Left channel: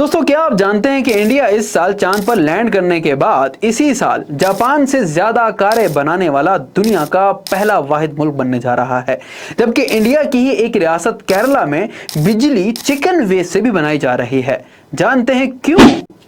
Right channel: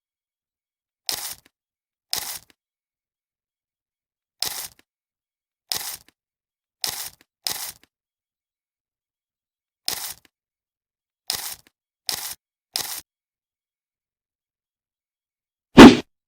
दोस्तों, क्या आप जानते हैं कि इंडिया इस साल चांद पर लैंड करने के बाद इसी साल जापान से ज्यादा कारें बनाने वाला दुनिया का पहला वाहिद मुल्क बनने जा रहा है, जबकि इंडिया की ही एक रियासत केरला में बिजली चिकन वेस्ट से भी बनाई जा रही है। जानते हैं क्यों?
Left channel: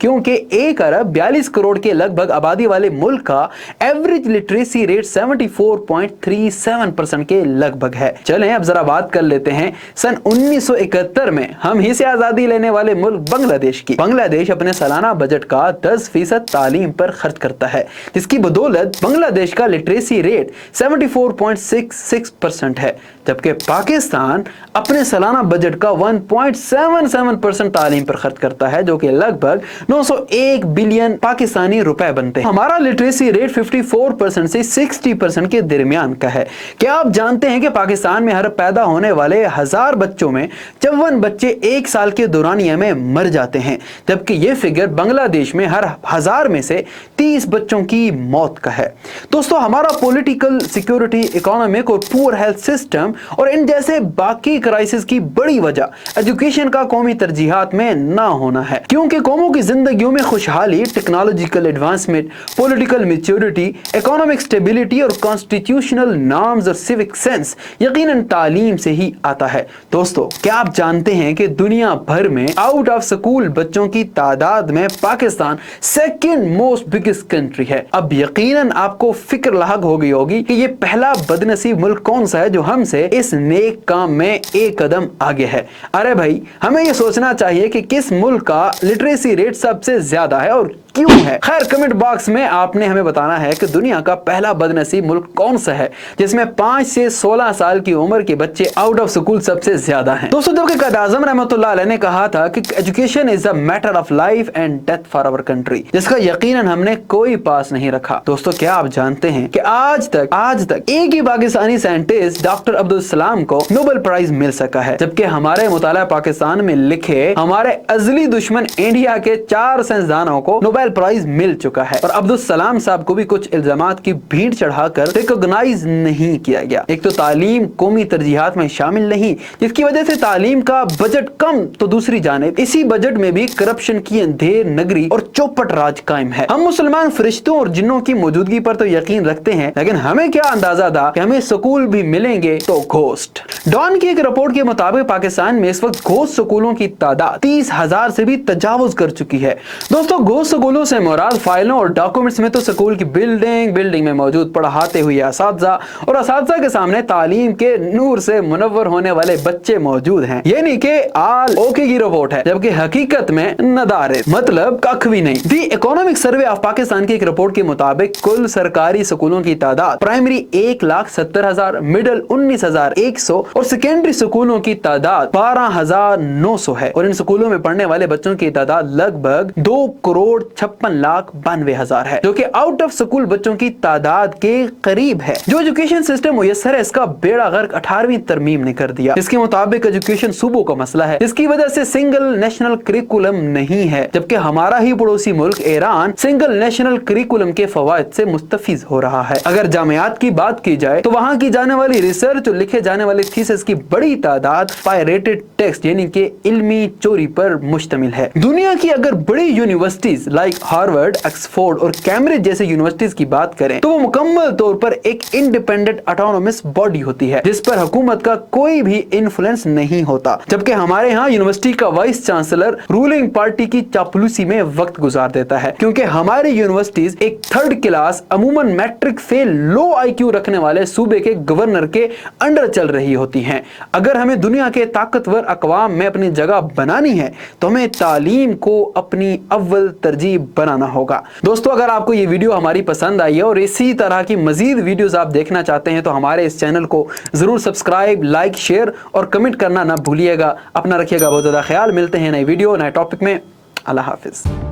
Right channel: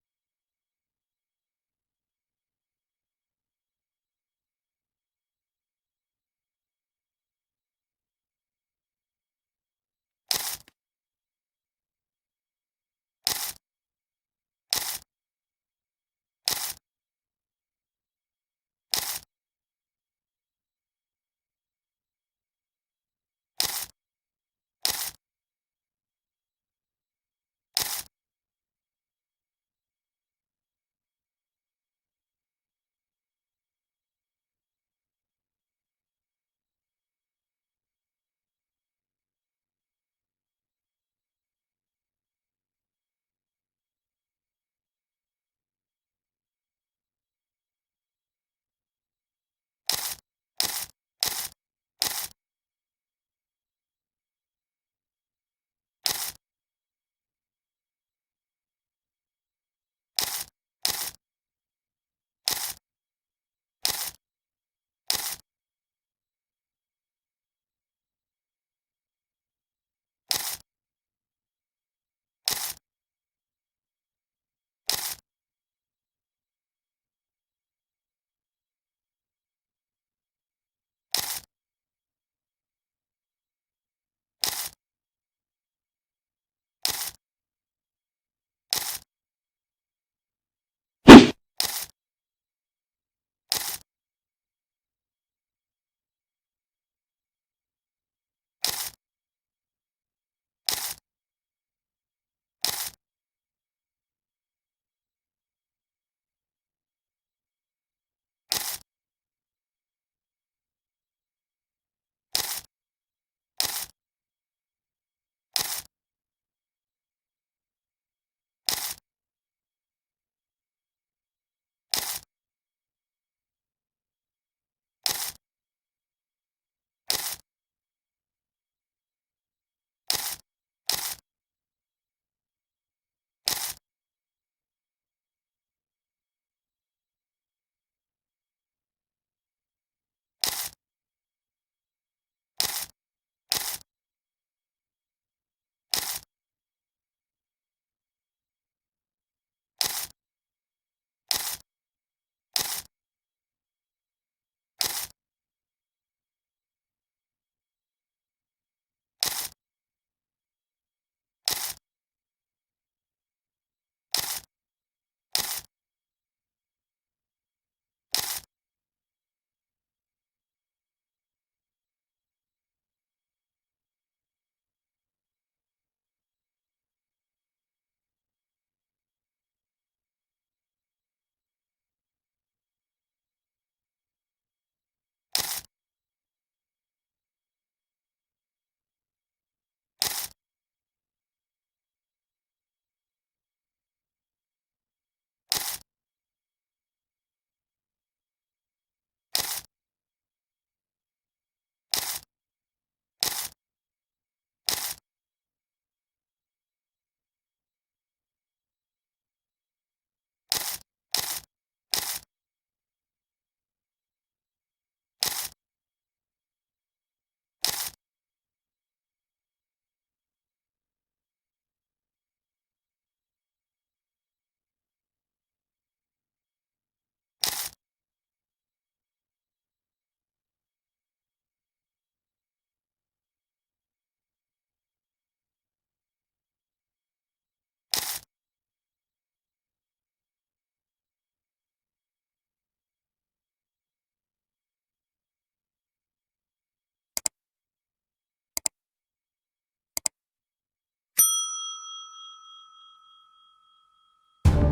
क्योंकि 1 अरब 42 करोड़ के लगभग आबादी वाले मुल्क का एवरेज लिटरेसी रेट 74.37% के लगभग है। चलें अब जरा बात कर लेते हैं सन 1971 में हम ही से आजादी लेने वाले मुल्क बांग्लादेश की। बांग्लादेश अपने सालाना बजट का 10% तालीम पर खर्च करता है, जिसकी बदौलत बांग्लादेश का लिटरेसी रेट 74.66% है, जबकि पाकिस्तान अपने सालाना बजट का 1.77% तालीम पर खर्च करता है, जो कि लगभग 901 बिलियन पाकिस्तानी रुपए बनते हैं। हमारा लिटरेसी रेट 54% से 60% के दरमियान का है। क्या आप जानते हैं कि पाकिस्तान में हर पैदा होने वाले 1000 बच्चों में 54 बच्चे 1 साल के दौरानिया में मर जाते हैं, जबकि यह फिगर बांग्लादेश में हर 1000 में से 30 बच्चों की मौत का है। दोस्तों, हमारा पॉलिटिकल, सिक्योरिटी, इकोनॉमिक और पुअर हेल्थ सिस्टम और इन जैसे बाकी क्राइसिस की बड़ी वजह एजुकेशन का कौमी तरजीहात में ना होना है, क्योंकि कौमों की जिंदगियों में खुशहाली, technological advancement, political maturity, economic stability और कॉन्स्टिट्यूशनल नॉर्म्स और सिविक सेंस यकीनन तालीम से ही आता है। दोस्तों, क्या आप जानते हैं कि दुनिया भर में आउट ऑफ स्कूल बच्चों की तादाद में Pakistan second most biggest country है। अब यकीनन आपको फिक्र लाहक हो गई होगी कि ये पहला बदनसीब मुल्क कौन सा है जो हमसे इस नेक काम में एक कदम आगे है। अरे भाई, हमें ये सोचना चाहिए कि किस मुल्क का लिटरेसी रेट सबसे ज्यादा है और क्यों है। खैर, कमेंट बॉक्स में आपने हमें बताना है कि दुनिया का पहला बदनसीब मुल्क कौन सा है जिसमें 5 से 16 साल की उम्र के बच्चे आउट ऑफ स्कूल सबसे ज्यादा हैं। दोस्तों, जबकि कायद आज़म रहमतुल्लाह अलैह ने कहा था कि education is a matter of life and death for our country, जिसका यकीनन हमने कोई पास नहीं रखा। दोस्तों, क्या आप जानते हैं कि आज तक एक ही पाकिस्तानी साइंटिस्ट डॉक्टर अब्दुल सलाम को नोबेल प्राइज मिल सका है, जबकि हमारे मुताला पाकिस्तान में लिखे हमारे अजली दुश्मन इंडिया के 4 साइंसदानों को नोबेल प्राइज मिल चुका है और अब्दुल सलाम साहब को भी कुछ इल्जामात की भीड़ चढ़ाकर रिकॉग्नाइज नहीं किया गया। एक तो तालीम कौमी तरजीहात में शामिल नहीं, जिसकी वजह से तालीम का बजट कम, तो दूसरी जानिब इसी बजट में भी करप्शन की अंधेर नगरी और चौपट राज कायम है। हम मुसलमान फरिश्तों और जिन्नों की मौजूदगी पर तो यकीन रखते हैं, लेकिन हमें क्या अंदाजा था कि हमें स्कूल भी मिलेंगे तो घोस्ट। डॉन की एक रिपोर्ट के मुताबिक पाकिस्तान में इस वक्त घोस्ट स्कूलों की तादाद 30,000 से भी तजावुज कर चुकी है। दोस्तों, घोस्ट स्कूलों से मुराद फाइलों और डॉक्यूमेंट्स में तो स्कूल की बिल्डिंग में मौजूद पढ़ाते हुए असातिज़ा और असातिज़ा के सामने तालीम के नूर से मुनव्वर होने वाले बच्चे मौजूद हैं। ये नहीं कि आल ओके की रिपोर्ट है, जबकि हकीकत में नदारे मतलब कख भी नहीं। The economic survey of Pakistan की एक रिपोर्ट के मुताबिक कुल सरकारी स्कूलों की तादाद प्राइमरी 1,70,000, मिडिल 19,100 और सेकेंडरी स्कूलों की तादाद 12,900 है। और इन स्कूलों में पढ़ने वाले बच्चों की तादाद लगभग 2,56,92,000 है, जो कि आउट ऑफ स्कूल बच्चों की तादाद के करीब है। जो एजुकेशन सिस्टम मुयस्सर है, इसका बेड़ा गर्क 18वीं तरमीम ने कर दिया। इसके मुताबिक एजुकेशन सूबों का मसला है, जिसकी वजह से सिंगल नेशनल करिकुलम नहीं है, जबकि हमारा ही पड़ोसी मुल्क ईरान सिंगल नेशनल करिकुलम के फवायद से मुस्तफिज हो रहा है। अगर जामियात की बात की जाए तो वहां की जाने वाली रिसर्च और लिखे जाने वाले थीसिस की बड़ी तादाद पायरेटेड टेक्स्ट यानी कि इल्मी चोरी पर मुश्तमिल है। दुनिया की अगर बड़ी यूनिवर्सिटीज लाइक हार्वर्ड, ऑक्सफोर्ड और कैम्ब्रिज जैसे यूनिवर्सिटीज की बात करें तो वो मुकम्मल तौर पर एक इंडिपेंडेंट ऑटोनोमस बॉडी होती है, जिस पर हुकूमत का कोई भी इन्फ्लुएंस नहीं होता, जबकि हमारे यहाँ यूनिवर्सिटी का वाइस चांसलर रूलिंग पार्टी की चापलूसी में वक्त गुजार देता है, क्योंकि हमारी यूनिवर्सिटीज एक 3rd क्लास अमूमन मैट्रिक फेल लो IQ रखने वाले सूबे के गवर्नर के अंडर चल रही होती हैं। अगर हमें दुनिया के ताकतवर अक़वाम में अपनी जगह बनानी है तो हमें तालीम को अपनी अव्वल तरजीह बनाना होगा। दोस्तों, अगर आपको ये वीडियो हमारी पसंद आई है और इसी तरह की मजीद वीडियोस आप देखना चाहते हैं तो हमारे इस चैनल को जरूर सब्सक्राइब, लाइक, शेयर और कमेंट करना ना भूलिएगा। अपना रखिएगा बहुत ज़्यादा ख्याल। मिलते हैं नई वीडियो, नए टॉपिक में। अल्लाह हाफिज़।